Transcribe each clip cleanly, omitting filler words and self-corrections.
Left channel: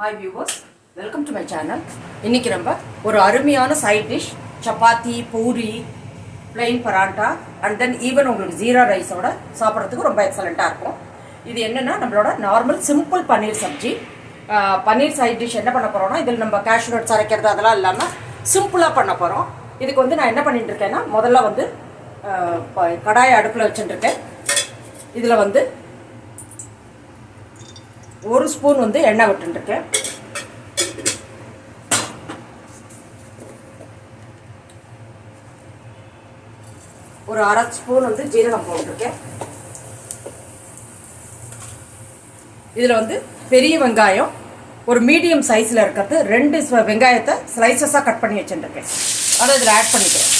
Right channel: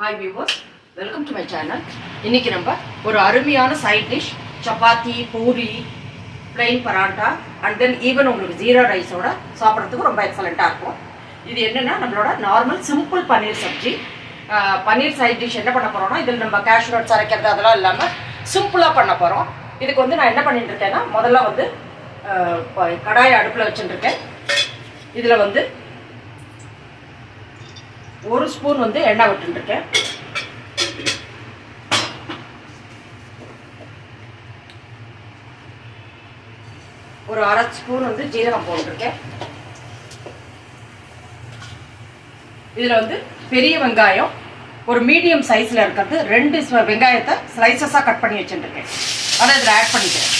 Hi viewers, welcome to my channel. இன்னைக்கு நம்ம ஒரு அருமையான side dish chapati, puri, plain paratha and then even உங்களுக்கு ஜீரா ரைஸோட சாப்பிட்றதுக்கு ரொம்ப எக்ஸலண்ட்டாக இருக்கும். இது என்னென்னா நம்மளோட நார்மல் சிம்பிள் பன்னீர் சப்ஜி. பன்னீர் சைட் டிஷ் என்ன பண்ண போகிறோம்னா இதில் நம்ம கேஷ்யூ நட்ஸ் அரைக்கிறது அதெல்லாம் இல்லாமல் சிம்பிளாக பண்ண போகிறோம். இதுக்கு வந்து நான் என்ன பண்ணிட்டு இருக்கேன்னா முதல்ல வந்து கடாயை அடுப்பில் வச்சுட்டுருக்கேன். இதில் வந்து ஒரு ஸ்பூன் வந்து எண்ணெய் விட்டுருக்கேன். ஒரு அரை ஸ்பூன் வந்து ஜீரகம் போட்டிருக்கேன். இதில் வந்து பெரிய வெங்காயம் ஒரு மீடியம் சைஸில் இருக்கிறது 2 வெங்காயத்தை ஸ்லைசஸாக கட் பண்ணி வச்சுருக்கேன். அதை இதில் ஆட் பண்ணிக்கிறேன்.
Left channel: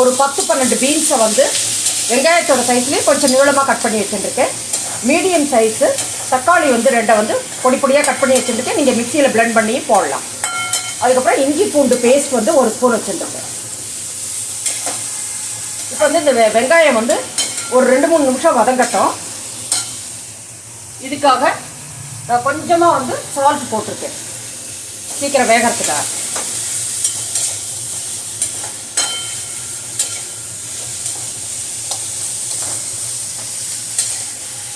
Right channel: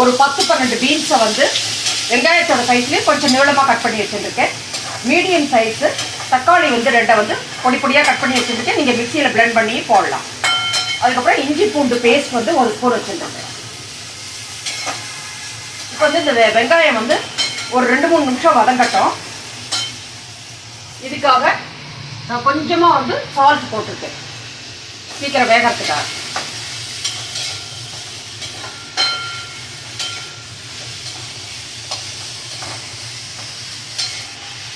ஒரு 10-12 பீன்ஸை வந்து வெங்காயத்தோட சைஸ்லேயே கொஞ்சம் நீளமாக கட் பண்ணி வச்சுருக்கேன். மீடியம் சைஸு தக்காளி வந்து 2 வந்து பொடி பொடியாக கட் பண்ணி வச்சுருக்கேன். நீங்கள் மிக்சியில் பிளெண்ட் பண்ணி போடலாம். அதுக்கப்புறம் இஞ்சி பூண்டு பேஸ்ட் வந்து ஒரு ஸ்பூன் வச்சுருக்கேன். இப்போ வந்து இந்த வெங்காயம் வந்து ஒரு 2-3 நிமிஷம் வதங்கட்டும். இதுக்காக நான் கொஞ்சமாக வந்து சால்ட் போட்டிருக்கேன் சீக்கிரம் வேகிறதுக்காக.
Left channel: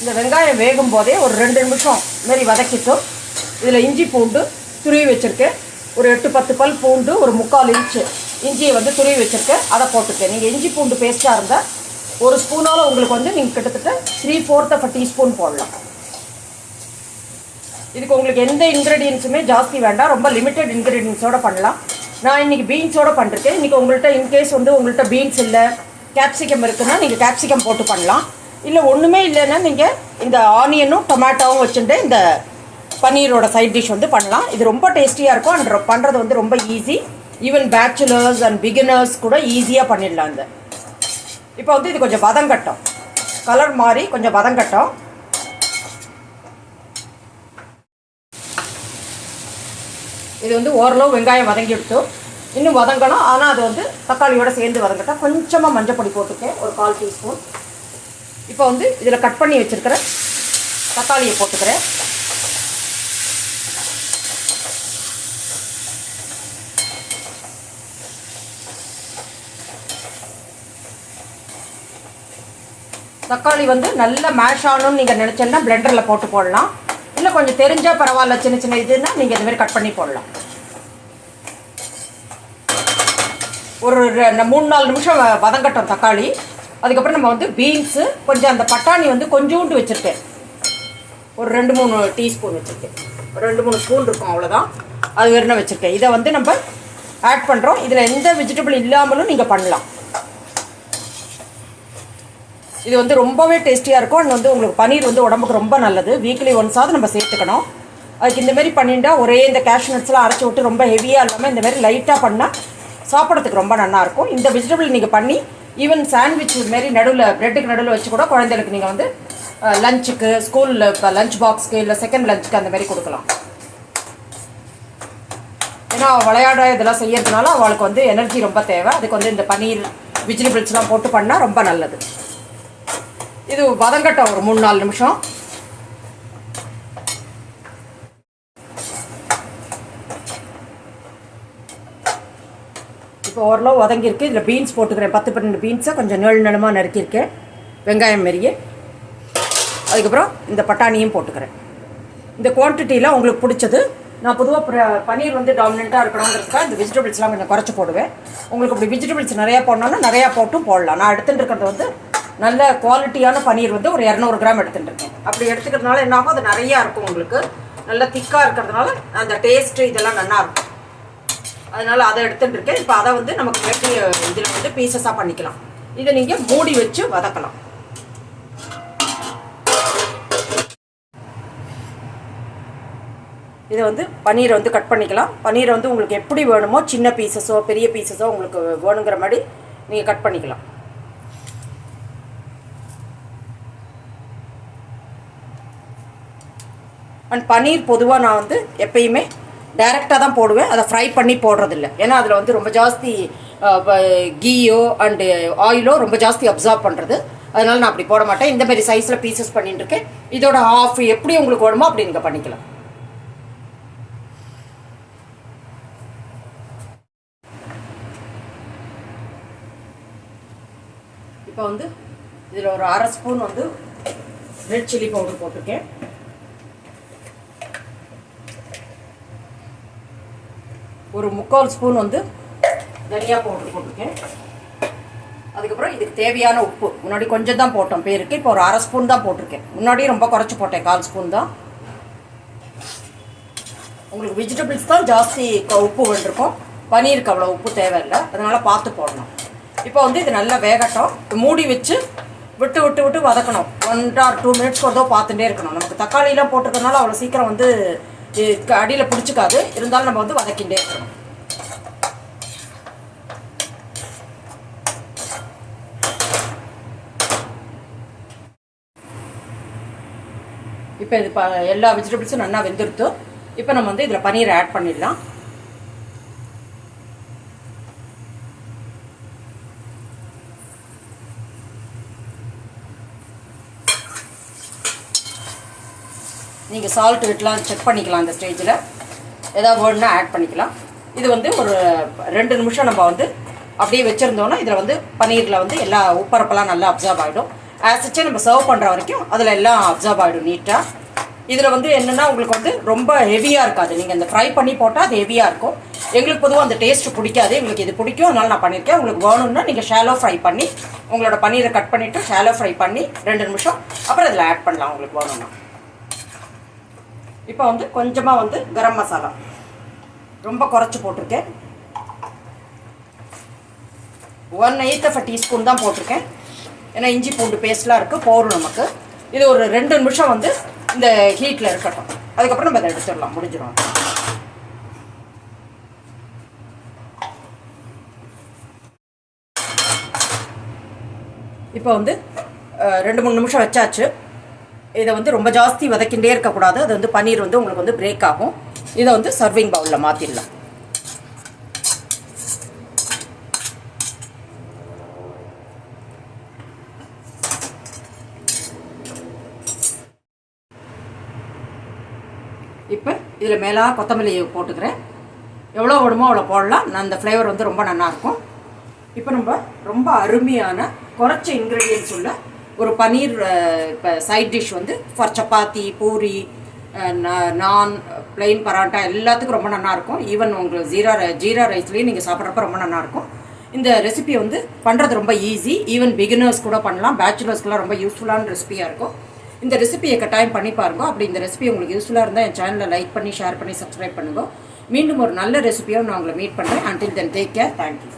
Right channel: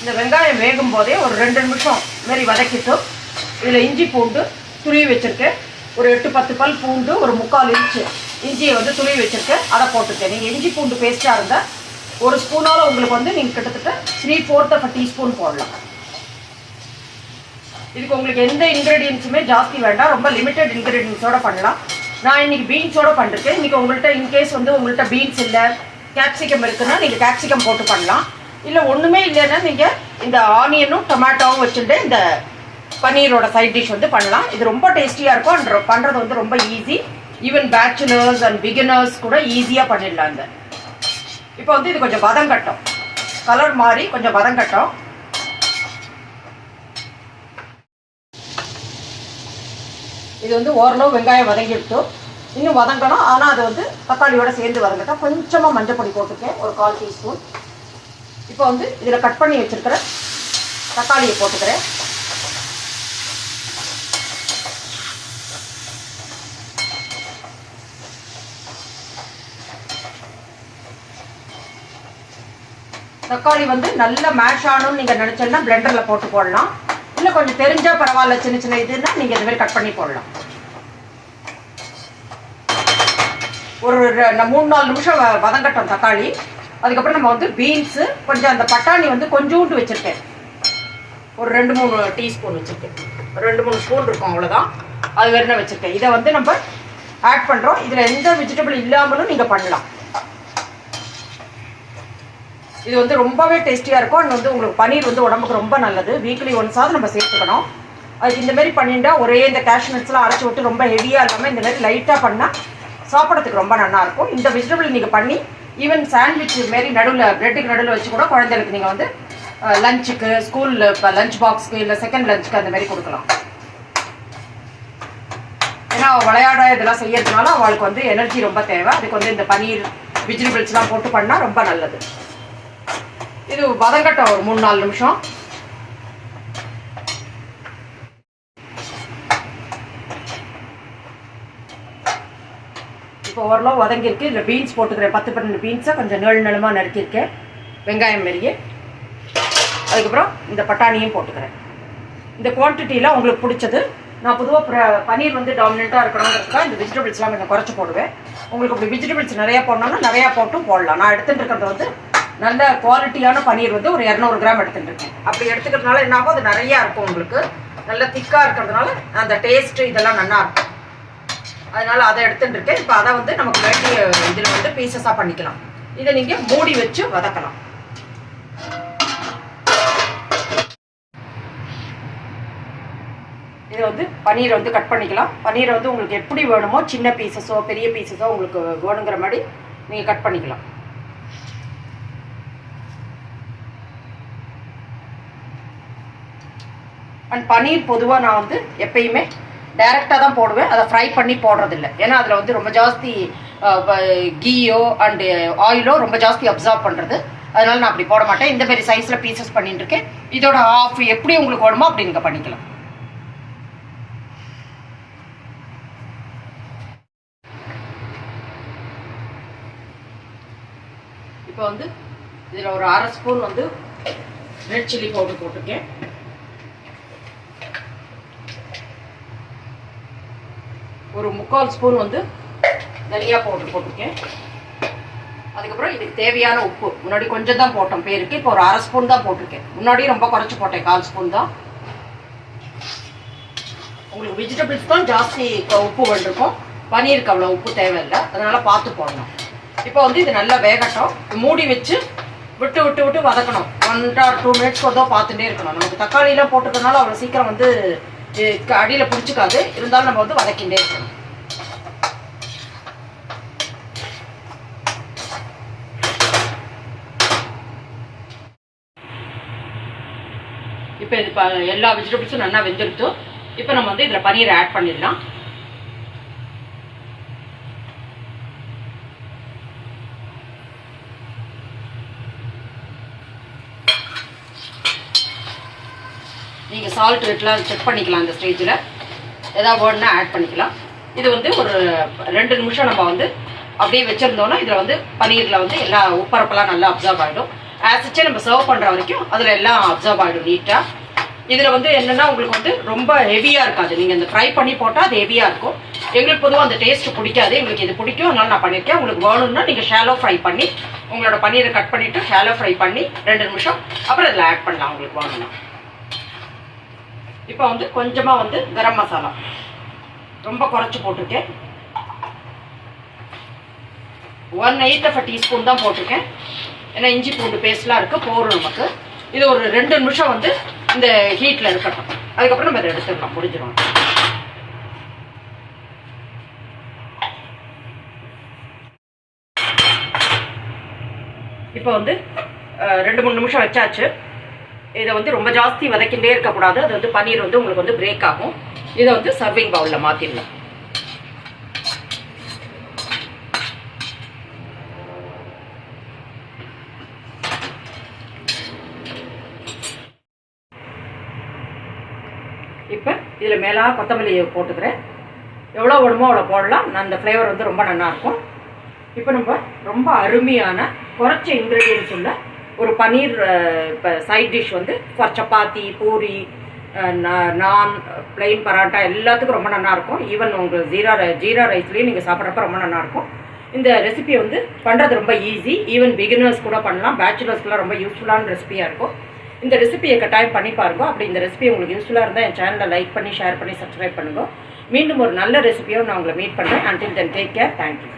இந்த வெங்காயம் வேகும் போதே ஒரு 2 நிமிஷம் மாரி வதக்கிட்டு இதில் இஞ்சி பூண்டு துருவி வச்சுருக்கேன். ஒரு 8-10 பல் பூண்டு, ஒரு 3/4 இன்ச்சு இஞ்சியை வந்து துருவி வச்சுருக்கேன். அதை போட்டுருக்கேன். நீங்கள் இஞ்சி பூண்டு பேஸ்ட்டாக இருந்தால் ஒரு ஸ்பூனால் உங்களுக்கு வந்து நீங்கள் கிட்டத்தட்ட 3/4 டீஸ்பூன் போடலாம். இதுக்கு உங்களுக்கு எந்த இன்க்ரீடியன்ஸுமே ஜாஸ்தி வேண்டாம், ரொம்ப லிமிட்டட் இன்க்ரீடியன்ஸோடு பண்ணலாம். நான் இன்றைக்கி பீன்ஸோடு பண்ணிருக்கேன். இன்றைக்கி உங்கள்கிட்ட இன்கேஸ் வந்து உங்கள்கிட்ட பீன்ஸ் இல்லை, கேப்சிகம் இருக்குன்னா நீங்கள் கேப்சிகம் போட்டு பண்ணலாம். இல்லை ஒன்றுமே இல்லைன்னா நீங்கள் இந்த ஆனியனும் டொமேட்டோவும் வச்சுட்டு இந்த பன்னீரோட சைட் டிஷ் வந்து பண்ணலாம். இது ரொம்ப டேஸ்டியாக இருக்கும் அண்ட் பண்ணுறது வந்து ரொம்ப easy. Even bachelors and beginners கூட ஈஸியாக பண்ணிடலாம். இந்த இப்போ வந்து இது கொஞ்சம் வதங்கட்டும், கலர் மாதிரி கொஞ்சம் வதங்கட்டும். இது வந்து ஓரளவு வெங்காயம் வதங்கிடுத்து, இன்னும் வதங்கணும். ஆனால் அது வந்து தக்காளியோடு சேர்ந்து வதங்கட்டும். கொஞ்சமாக மஞ்சள் பொடி போட்டுக்கேன், ஒரு 1/4 டீஸ்பூன். இப்போ வந்து இதில் கட் பண்ணி வச்சுருக்கிற தக்காளியை போட்டுக்கிறேன். தக்காளி வந்து நல்லா மேஷ் ஆகணும்னு நீங்கள் நினச்சோன்னா பிளெண்டரில் போட்டு போடலாம். இல்லை கொஞ்சம் தெரிஞ்சால் பரவாயில்ல, சின்ன சின்ன இதுன்னா நீங்கள் இதுமாதிரி கட் பண்ணி போடலாம். ஒரு 3-4 நிமிஷம் வதங்கட்டும் தக்காளி. அதுக்கப்புறம் நம்ம வந்து பீன்ஸு கொஞ்சம் அந்த பட்டாணி வந்து கொஞ்சோண்டு வச்சுருக்கேன். ஒரு 2-3 டீஸ்பூன் வச்சுருக்கேன். 2-3 ஸ்பூன் இருக்கும், அவ்வளோதான். அது வேறு வச்சுருக்கேன். இதை வந்து நம்ம ஆட் பண்ணுறோம். இதில் எந்த வெஜிடபிள் இல்லாமலும் நீங்கள் பண்ணலாம். இது வந்து ரொம்பவே டேஸ்டியாக இருக்கும். அண்ட் வந்து உங்களுக்கு பன்னீர் வந்து உடம்புக்கு ரொம்ப நல்லது. வீக்லி ஒன்ஸாவது நம்ம சேர்த்துக்கணும். அதுக்கு இந்தமாரி பண்ணிட்டா ஒரே இந்த கேஷ்யூ நட்ஸ்லாம் அரைச்சி விட்டு ரொம்ப ஹெவியாக இல்லாமல் இந்தமாரி லைட்டாக பண்ணால் சாப்பிட்றதுக்கு ரொம்ப நல்லாயிருக்கும். இந்த வெஜிடபிள் நீங்கள் பண்ணி ஈவன் சாண்ட்விச் மாரி நடுவில் ப்ரெட்டுக்கு நடுவில் வச்சு கூட குழந்தைகளுக்கு நீங்கள் வந்து லஞ்சுக்கு, ஸ்கூலில் இப்போ லஞ்ச் பாக்ஸ்க்கு இல்லை செகண்ட் லஞ்சுக்கு அந்த மாதிரி கொடுக்கலாம். ஏன்னா விளையாட இதெல்லாம் செய்யறதுனால அவளுக்கு வந்து எனர்ஜி ரொம்ப தேவை. அதுக்கு வந்து இந்த பன்னீர் வெஜிடபிள்ஸ்லாம் போட்டு பண்ணால் ரொம்ப நல்லது. இது வதங்கட்டும் ஒரு 3-4 நிமிஷம். இப்போ ஓரளவு வதங்கியிருக்கு. இதில் பீன்ஸ் போட்டுக்கிறேன். 10-12 பீன்ஸை கொஞ்சம் நீளமாக நறுக்கியிருக்கேன், வெங்காயம் மாரியே. அதுக்கப்புறம் இந்த பட்டாணியும் போட்டுக்கிறேன். இந்த குவான்டிட்டியில் உங்களுக்கு பிடிச்சது. நான் பொதுவாக பன்னீர் வந்து டாமினண்ட்டாக இருக்கணுங்கிறதுக்காக இந்த வெஜிடபிள்ஸ்லாம் கொஞ்சம் குறைச்சி போடுவேன். உங்களுக்கு அப்படி வெஜிடபிள்ஸ் நிறையா போடணும்னா நிறையா போட்டும் போடலாம். நான் எடுத்துகிட்டு இருக்கிறது வந்து நல்ல குவாலிட்டியான பன்னீர் வந்து ஒரு 200 கிராம் எடுத்துகிட்டு இருக்கேன். அப்படி எடுத்துக்கிறதுனால என்ன ஆகும், அது நிறையா இருக்கும். உங்களுக்கு நல்ல திக்காக இருக்கிறதுனால அந்த டேஸ்ட்டு இதெல்லாம் நல்லாயிருக்கும். அதனால் அதை எடுத்துகிட்டு இருக்கேன். இப்போ அதை வந்து நமக்கு வேண்டிய இதில் வந்து பீசஸாக பண்ணிக்கலாம். இதை நீங்கள் மூடி வச்சு வதக்கலாம். இதை வந்து பன்னீரை வந்து கட் பண்ணிக்கலாம். பன்னீரை வந்து உங்களுக்கு எப்படி வேணுமோ, சின்ன பீசஸோ பெரிய பீசஸோ உங்களுக்கு வேணுங்கிற மாதிரி நீங்கள் கட் பண்ணிக்கலாம். அண்ட் பன்னீர் பொதுவாக நான் வந்து எப்பயுமே டைரெக்டாக தான் போடுவேன். அதை ஃப்ரை பண்ணி போடுறதில்ல. ஏன்னா அதில் வந்து ரொம்ப ஜாஸ்தி கீயோ அண்டு ஆயிலோ ரொம்ப ஜாஸ்தி அப்சார்ப் பண்ணுறது. அதனால நான் அப்படி போட மாட்டேன். இந்த மாதிரி சைஸில் பீசஸ் பண்ணிட்டு இருக்கேன். இதோட ஹாஃப் எப்படி உங்களுக்கு வேணுமோ அப்படி நீங்கள் பண்ணிக்கலாம். இப்போ வந்து இதில் ஒரு 1/2 ஸ்பூன் வந்து ரெட் சில்லி பவுடர் போட்டிருக்கேன். ஒரு 3/4 ஸ்பூன் வந்து தனியா பவுடர் போட்டிருக்கேன். அதுக்கப்புறம் இதுக்கு தேவையான உப்பு முன்னாடி கொஞ்சம் தான் போட்டோம் பேருக்கு, இப்போ ஒரு 1/2 ஸ்பூன் தான் போட்டிருக்கேன். முன்னாடி ரொம்ப குறைச்சி போட்டேன், 1/4 ஸ்பூன் தான். உங்களுக்கு வெஜிடபிள்ஸ் தான் ஜாஸ்தி உப்பு வேண்டியிருக்கும், பன்னீருக்கு அவ்வளோ உப்பு தேவையில்லை, அதனால பார்த்து போடணும். இப்போ வந்து இது நல்லா வேகட்டும். மூடி வச்சு விட்டு விட்டு விட்டு வதக்கணும். 1 or 2 மினிட்ஸ் கூட பார்த்துட்டே இருக்கணும். நமக்கு தக்காளியெலாம் போட்டுக்கிறதுனால அவ்வளோ சீக்கிரம் வந்து அடியில் பிடிச்சிக்காது, இருந்தாலும் நம்ம வந்து வதக்கிட்டே இருக்கணும். இப்போ இது எல்லா வெஜிடபிள்ஸும் நல்லா வெந்துடுத்து. இப்போ நம்ம வந்து இதில் பன்னீர் ஆட் பண்ணிடலாம். நீங்கள் சால்ட் ரேட்லாம் செக் பண்ணிக்கலாம். இந்த ஸ்டேஜில் ஏதாவது வேணுன்னா ஆட் பண்ணிக்கலாம். இது வந்து ஒரு 2 நிமிஷம் நம்ம வந்து அப்படியே வச்சுருந்தோன்னா இதில் வந்து பன்னீரில் வந்து எல்லா உப்பரப்பெல்லாம் நல்லா அப்சர்வ் ஆகிடும். ஆசிச்சு நம்ம சர்வ் பண்ணுற வரைக்கும் அதில் எல்லாம் அப்சர்வ் ஆகிடும் நீட்டாக. இதில் வந்து என்னென்னா உங்களுக்கு வந்து ரொம்ப ஹெவியாக இருக்காது. நீங்கள் இந்த ஃப்ரை பண்ணி போட்டால் அது ஹெவியாக இருக்கும். எங்களுக்கு பொதுவாக அந்த டேஸ்ட்டு பிடிக்காது, எங்களுக்கு இது பிடிக்கும், அதனால் நான் பண்ணியிருக்கேன். உங்களுக்கு வேணும்னா நீங்கள் ஷாலோ ஃப்ரை பண்ணி உங்களோட பன்னீரை கட் பண்ணிவிட்டு ஷாலோ ஃப்ரை பண்ணி 2 நிமிஷம் அப்புறம் இதில் ஆட் பண்ணலாம் உங்களுக்கு வேணும்னா. இப்போ வந்து கொஞ்சமாக வந்து கரம் மசாலா ரொம்ப குறைச்சி போட்டிருக்கேன். 1/8 டீஸ்பூன் தான் போட்டிருக்கேன். ஏன்னா இஞ்சி பூண்டு பேஸ்ட்லாம் இருக்குது, போரும் நமக்கு. இது ஒரு 2 நிமிஷம் வந்து இந்த ஹீட்டில் இருக்கட்டும். அதுக்கப்புறம் நம்ம அதை எடுத்துடலாம், முடிஞ்சிடும். இப்போ வந்து 2-3 நிமிஷம் வச்சாச்சு. இதை வந்து ரொம்ப ஜாஸ்தி வதக்கிண்டே இருக்கக்கூடாது, அது வந்து பன்னீர் வந்து உங்களுக்கு வந்து பிரேக் ஆகும். இதை வந்து சர்விங் பவுலில் மாற்றிடலாம். இப்போ இதில் மேலே கொத்தமல்லியை போட்டுக்கிறேன். எவ்வளோ வேணுமோ அவ்வளோ போடலாம். அந்த ஃப்ளேவர் வந்து ரொம்ப நல்லாயிருக்கும். இப்போ நம்ம ரொம்ப அருமையான குறைச்ச இன்க்ரீடியன்ஸ் உள்ள ஒரு பன்னீர் சைட் டிஷ் வந்து ஃபார் சப்பாத்தி, பூரி, நான், பிளெயின் பராட்டா எல்லாத்துக்கும் ரொம்ப நல்லாயிருக்கும். ஈவன் உங்களுக்கு ஜீரா ரைஸ்லேயும் நீங்கள் சாப்பிட்றப்ப ரொம்ப நல்லாயிருக்கும். இந்த ரெசிபி வந்து பண்ணுறது ரொம்ப ஈஸி. ஈவன் பிகினர்ஸ் கூட பண்ணலாம், பேச்சுலர்ஸ்க்குலாம் ரொம்ப யூஸ்ஃபுல்லான ரெசிபியாக இருக்கும். இந்த ரெசிபியை கட்டாயம் பண்ணி பாருங்க. அப்படி இந்த ரெசிபி உங்களுக்கு யூஸ்ஃபுல்லாக இருந்தால் என் சேனலை லைக் பண்ணி ஷேர் பண்ணி சப்ஸ்கிரைப் பண்ணுங்க. மீண்டும் ஒரு நல்ல ரெசிபியோடு நான் உங்களை மீட் பண்ணுறேன். Until then take care. Thank you.